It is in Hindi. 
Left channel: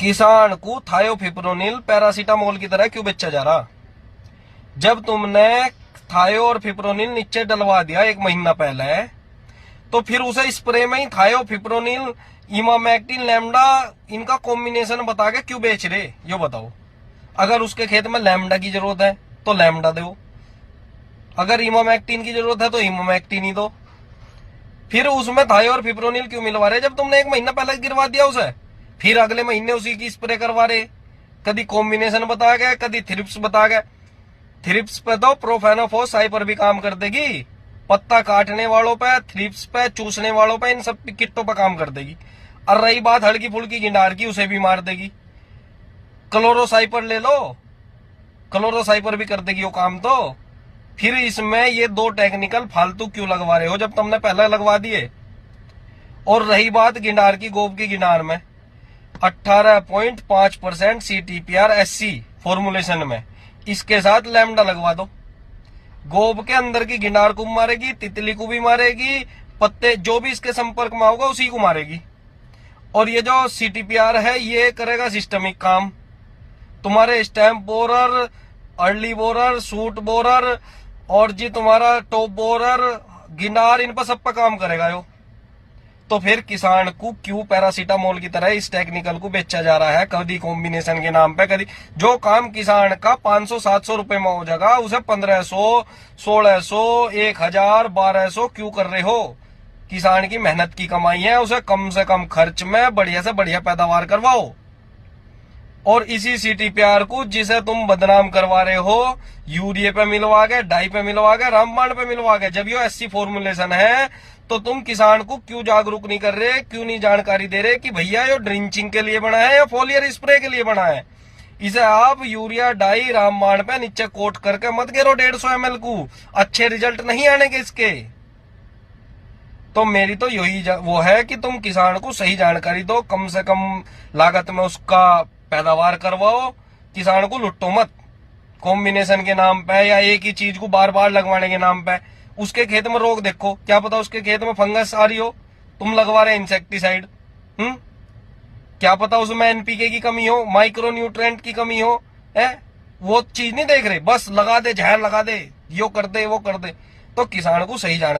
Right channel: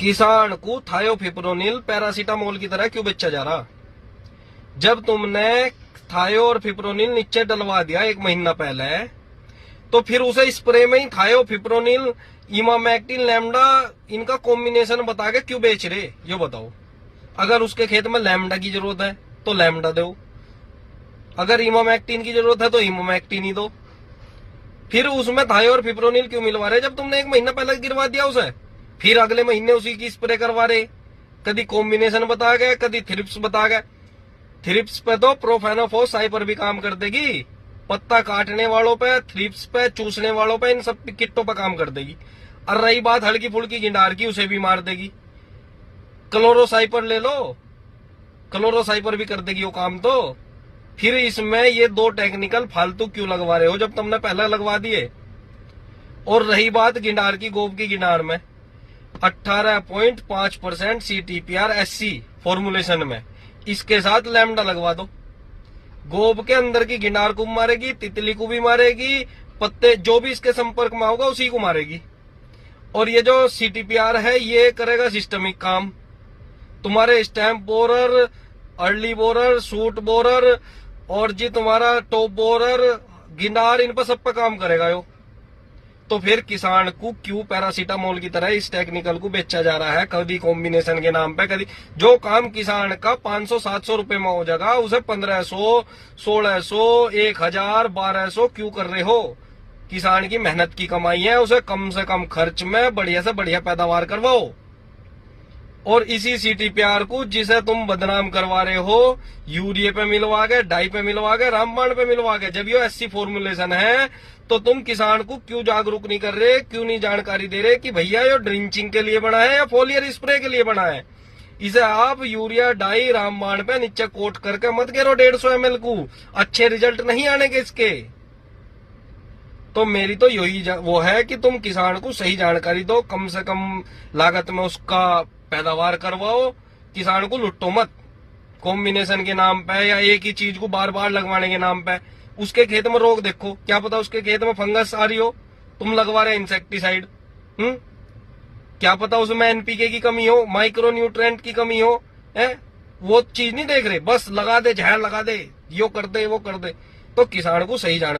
किसान को थायोफिप्रोनिल पैरासीटामोल की तरह क्यों बेचा जा रहा? जब तुमने थायो और फिप्रोनिल नीचे डलवा दिया 1 महीना पहले, तो फिर उसे स्प्रे में ही थायोफिप्रोनिल, इमामेक्टिन, लैम्डा इनका कॉम्बिनेशन बता के क्यों बेच रहे? यो बताओ। अगर उसके खेत में लैम्डा की जरूरत है तो लैम्डा दो, अगर इमामेक्टिन की जरूरत है तो इमामेक्टिन ही दो। फिर उसमें थायो और फिप्रोनिल क्यों मिलवा रहे जब तुमने 1 महीना पहले गिरवा दिया उसे? फिर अगले महीने उसी की स्प्रे करवा रहे। कभी कॉम्बिनेशन बता गए, कभी थ्रिप्स बता गए। थ्रिप्स पे तो प्रोफेनोफोस साइपर भी काम कर देगी, पत्ता काटने वालों पे, थ्रिप्स पे, चूसने वालों पे, इन सब किट्टों पे काम कर देगी। और रही बात हल्की फुल्की गिनार की, उसे भी मार देगी। क्लोरोसाइपर ले लो, क्लोरोसाइपर भी कर देगी वो काम। तो फिर इसमें ये 2 टेक्निकल फालतू क्यों लगवा रहे हो जब तुमने पहले लगवा दिए? और रही बात गिनार की, गोब की गिनार में 18.5% CTPR SC फॉर्मुलेशन में, इसके साथ लैम्डा लगवा दो। गोब के अंदर की गिनार को मारेगी, तितली को भी मारेगी, पत्ते जो भी इसके संपर्क में होगा उसी को मारेगी। और ये जो CTPR है ये करेगा सिस्टमिक काम। तुम्हारे stamp borer, early borer, suit borer और जी तुम्हारा टॉप बोरर, गिनार, इन पर सब पर काम करेगा यो। तो फिर किसान को क्यों पैरासीटामोल की तरह इस टेक्निकल को बेचा जा रहा है? कभी कॉम्बिनेशन के नाम पे, कभी जो काम किसान का 500-700 रुपए में हो जाएगा उसे 1500, 1600, 1000, 1200 क्यों कर रहे हो? किसान की मेहनत की कमाई है, उसे कम से कम खर्च में बढ़िया से बढ़िया पैदावार करवाओ। और इसी CTPR को जिसे तुम बदनाम करवा रहे हो, यूरिया पे मिलवा के, डाई पे मिलवा के, रामबाण पे मिलवा के, जब ये SC फॉर्मुलेशन है तो तुम किसान को क्यों जागरूक नहीं कर रहे, क्यों नहीं जानकारी दे रहे कि भैया ये ड्रिंचिंग के लिए बना है या फोलियर स्प्रे के लिए बना है? इसे आप यूरिया, डाई, रामबाण पे नीचे कोट करके मत गिरो 150 ml को, अच्छे रिजल्ट नहीं आने के इसके। तो मेरी तो यही वो है कि तुम किसान को सही जानकारी दो, कम से कम लागत में उसका पैदावार करवाओ, किसान को लुट्टो मत कॉम्बिनेशन के नाम पे या एक ही चीज को बार बार लगवाने के नाम पे। उसके खेत में रोग देखो, क्या पता उसके खेत में फंगस आ रही हो, तुम लगवा रहे इंसेक्टिसाइड। क्या पता उसमें NPK की कमी हो, माइक्रो न्यूट्रिएंट की कमी हो, है वो चीज नहीं देख रहे, बस लगा दे, जहर लगा दे, यो कर दे, वो कर दे। तो किसान को सही जान